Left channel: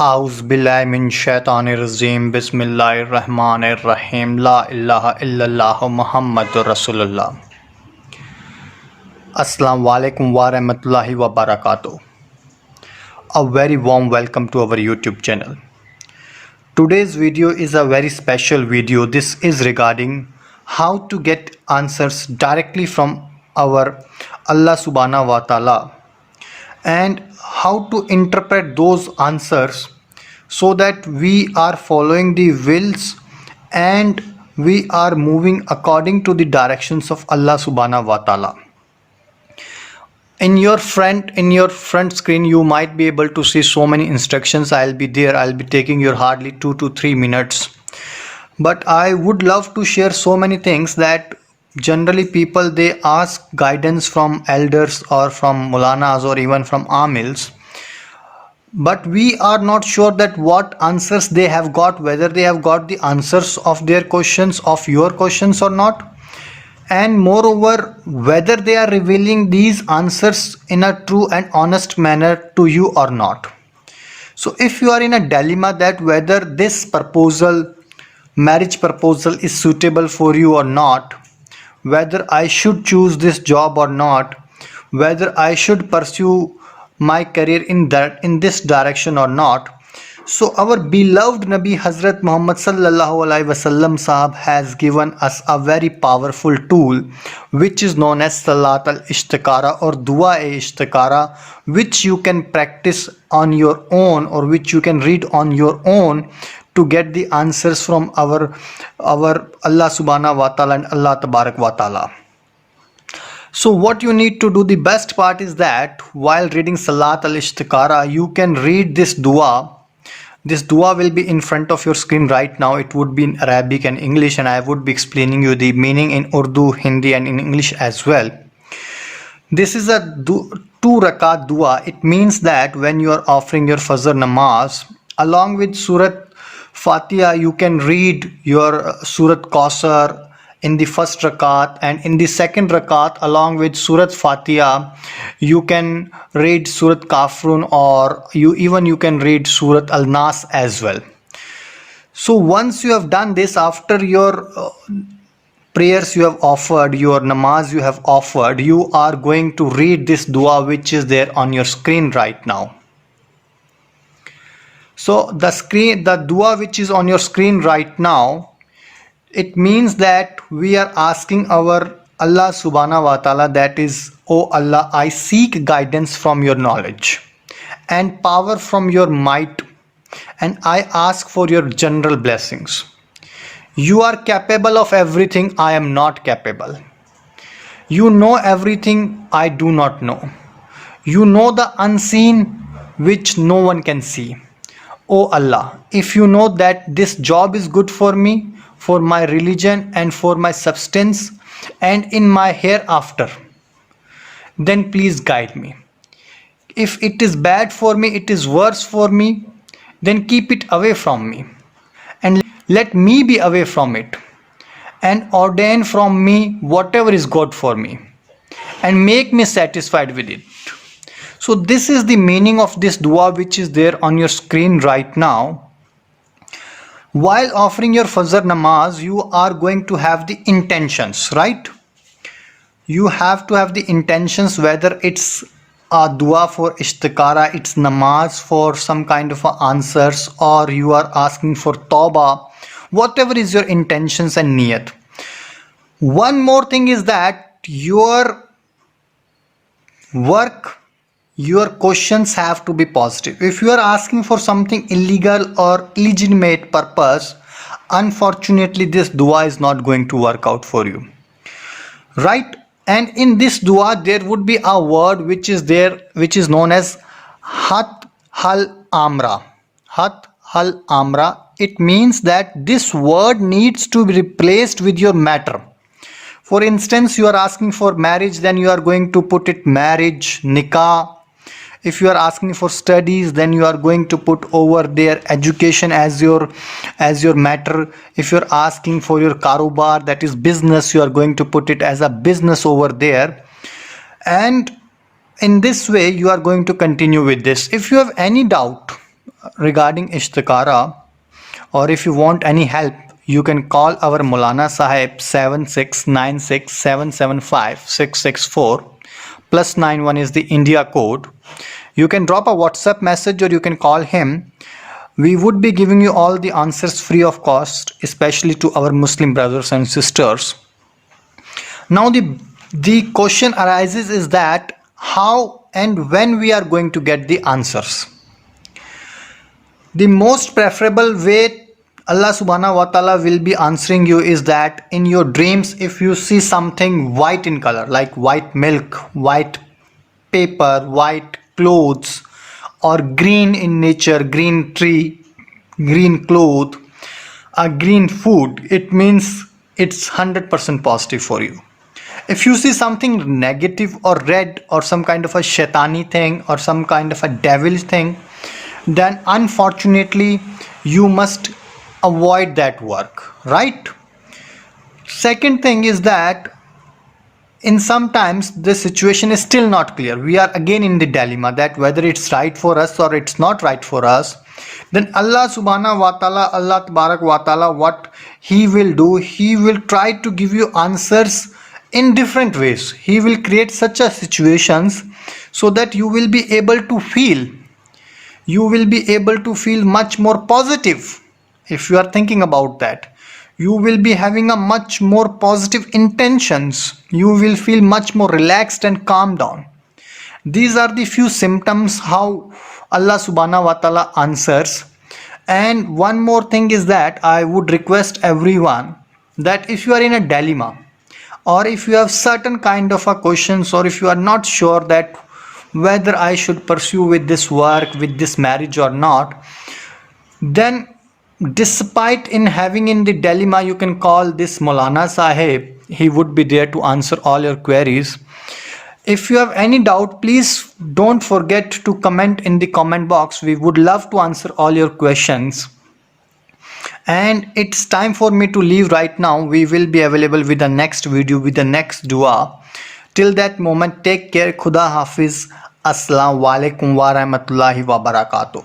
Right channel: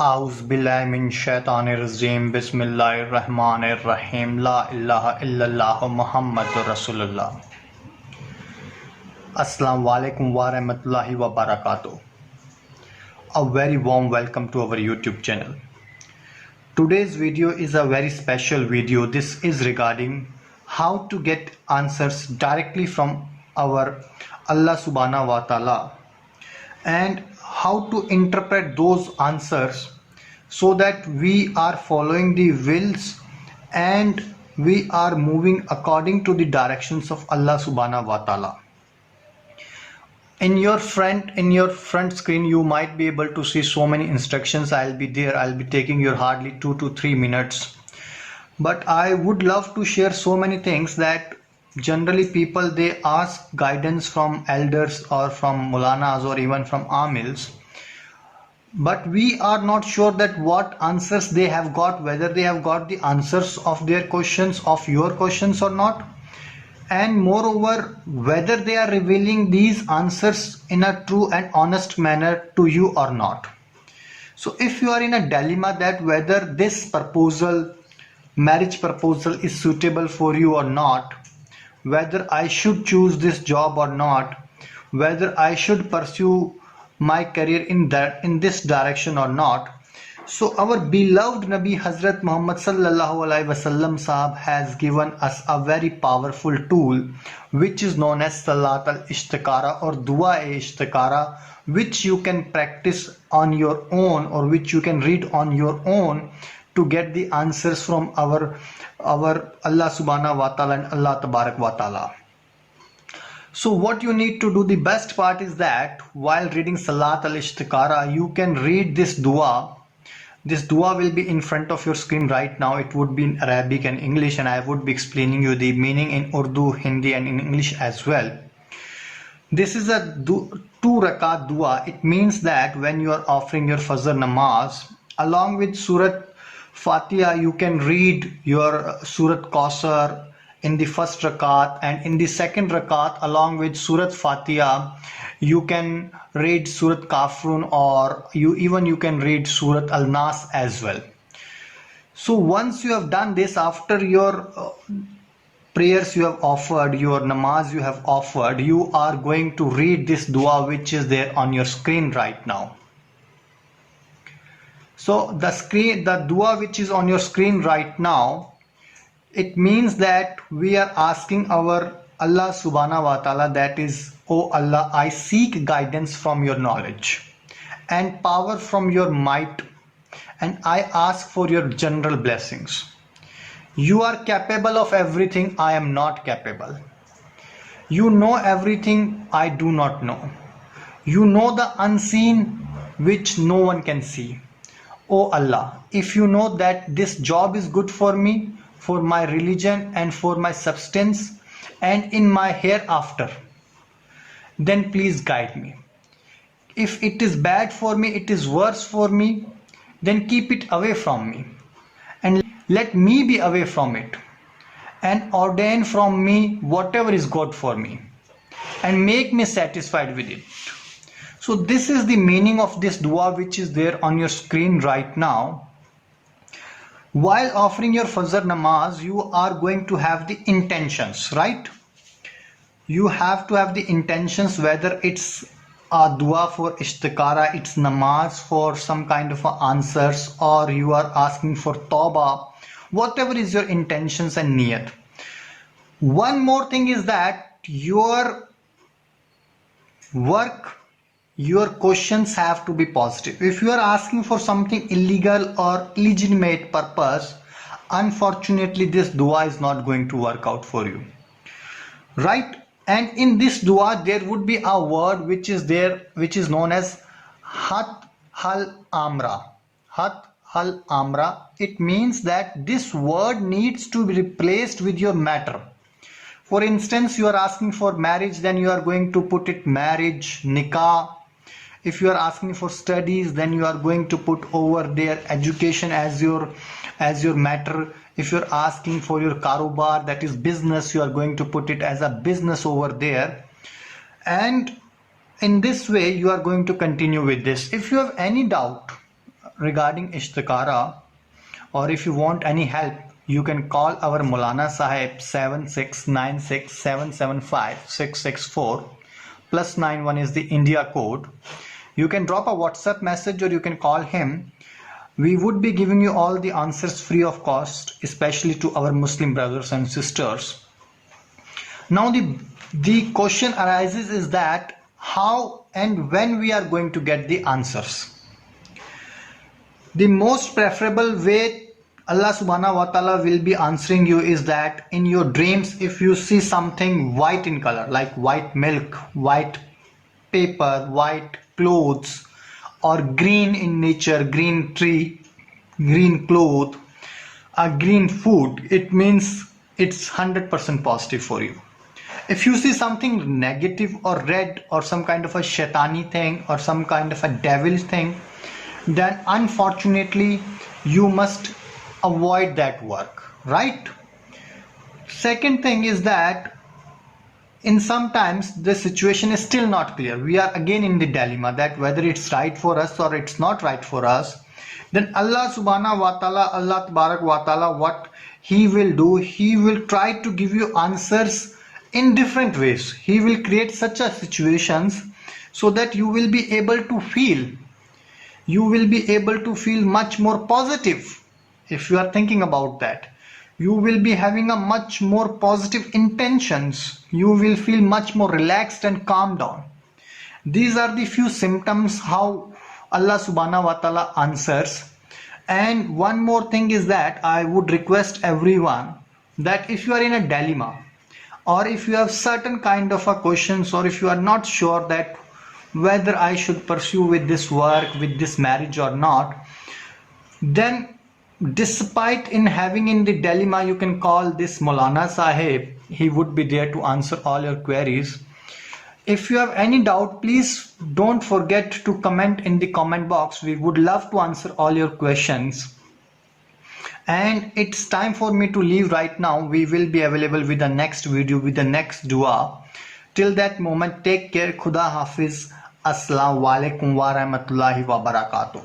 आउज़ बिल्लाहि मिन शैतानिर रजीम बिस्मिल्लाहिर रहमानिर रहीम ला इलाहा इल्लल्लाह मुहम्मदुर रसूलुल्लाह। अस्सलाम वालेकुम व रहमतुल्लाहि व बरकातुहू। A very warm welcome to our YouTube channel. Today's video is a very special video. This is regarding how to get answers directly from our Allah subhanahu wa ta'ala and how to interpret those answers so that we are following the wills and we are moving according to the directions of Allah subhanahu wa ta'ala. In your front screen you might be able to see so many instructions. I'll be taking your hardly 2 to 3 minutes, but I would love to share so many things that generally people they ask guidance from elders or from mulanas or even from amils, but we are not sure that what answers they have got, whether they have got the answers of their questions, of your questions or not, and moreover whether they are revealing these answers in a true and honest manner to you or not. So if you are in a dilemma that whether this marriage proposal is suitable for you or not, whether I should choose this job or not, whether I should pursue my career in this direction or not. So our beloved Nabi Hazrat Muhammad sallallahu alaihi wasallam sahab has given us a very powerful tool which is known as Salat al-Ishtikara or Dua e-Ishtikara, which you can practice on your own or which you can read on your own to get the answers from our Allah subhanahu wa ta'ala and Allah tabarak wa ta'ala. So what you need to do, the best part is that while reading Salat al-Ishtikara, you can read this dua. This dua will be in front of your screen right now. It would be in Arabic and English, and I would be explaining you the meaning in Urdu, Hindi and in English as well. This is a 2 rakat dua. It means that when you are offering your Fajr namaz, along with Surat Fatiha, you can read your Surat Kausar in the first rakat, and in the second rakat along with Surat Fatiha you can read Surat Kafrun, or you can read Surat Al-Nas as well. So once you have done this, after your prayers you have offered, your namaz you have offered, you are going to read this dua which is there on your screen right now. So the dua which is on your screen right now, it means that we are asking our Allah subhanahu wa ta'ala, that is, O Allah, I seek guidance from your knowledge and power from your might, and I ask for your general blessings. You are capable of everything I am not capable. You know everything I do not know. You know the unseen which no one can see. O Allah, if you know that this job is good for me, for my religion and for my substance and in my hereafter, then please guide me. If it is bad for me, it is worse for me, then keep it away from me and let me be away from it, and ordain from me whatever is good for me and make me satisfied with it. So this is the meaning of this dua which is there on your screen right now. While offering your Fajr namaz, you are going to have the intentions, right? You have to have the intentions, whether it's a dua for Ishtikara, it's namaz for some kind of answers, or you are asking for tawbah, whatever is your intentions and niyat. One more thing is that your work, your questions have to be positive. If you are asking for something illegal or illegitimate purpose, unfortunately this dua is not going to work out for you, right? And in this dua there would be a word which is there, which is known as hat hal amra. Hat hal amra. It means that this word needs to be replaced with your matter. For instance, you are asking for marriage, then you are going to put it marriage, nikah. If you are asking for studies, then you are going to put over there education as your matter. If you're asking for your karobar, that is business, you are going to put it as a business over there. And in this way you are going to continue with this. If you have any doubt regarding Ishtikara, or if you want any help, you can call our Maulana Sahib 7696775664 plus 91 is the India code. You can drop a WhatsApp message or you can call him. We would be giving you all the answers free of cost, especially to our Muslim brothers and sisters. Now the question arises is that how and when we are going to get the answers. The most preferable way Allah subhanahu wa ta'ala will be answering you is that in your dreams, if you see something white in color, like white milk, white paper, white clothes, or green in nature, green tree, green cloth, a green food, it means it's 100% positive for you. If you see something negative or red or some kind of a shaitani thing or some kind of a devil thing, then unfortunately you must avoid that work, right? Second thing is that in sometimes the situation is still not clear. We are again in the dilemma that whether it's right for us or it's not right for us. Then Allah subhanahu wa ta'ala, Allah tabarak wa ta'ala, what he will do, he will try to give you answers in different ways. He will create such a situations so that you will be able to feel much more positive. If you are thinking about that, you will be having a much more positive intentions. You will feel much more relaxed and calm down. These are the few symptoms how Allah subhanahu wa ta'ala answers. And one more thing is that I would request everyone that if you are in a dilemma, or if you have certain kind of a questions, or if you are not sure that whether I should pursue with this work, with this marriage or not, then despite in having in the dilemma, you can call this Maulana Sahib. He would be there to answer all your queries. If you have any doubt, please don't forget to comment in the comment box. We would love to answer all your questions. And it's time for me to leave right now. We will be available with the next video, with the next dua. Till that moment, take care. Khuda Hafiz. Assalamu alaikum wa rahmatullahi wa barakatuh.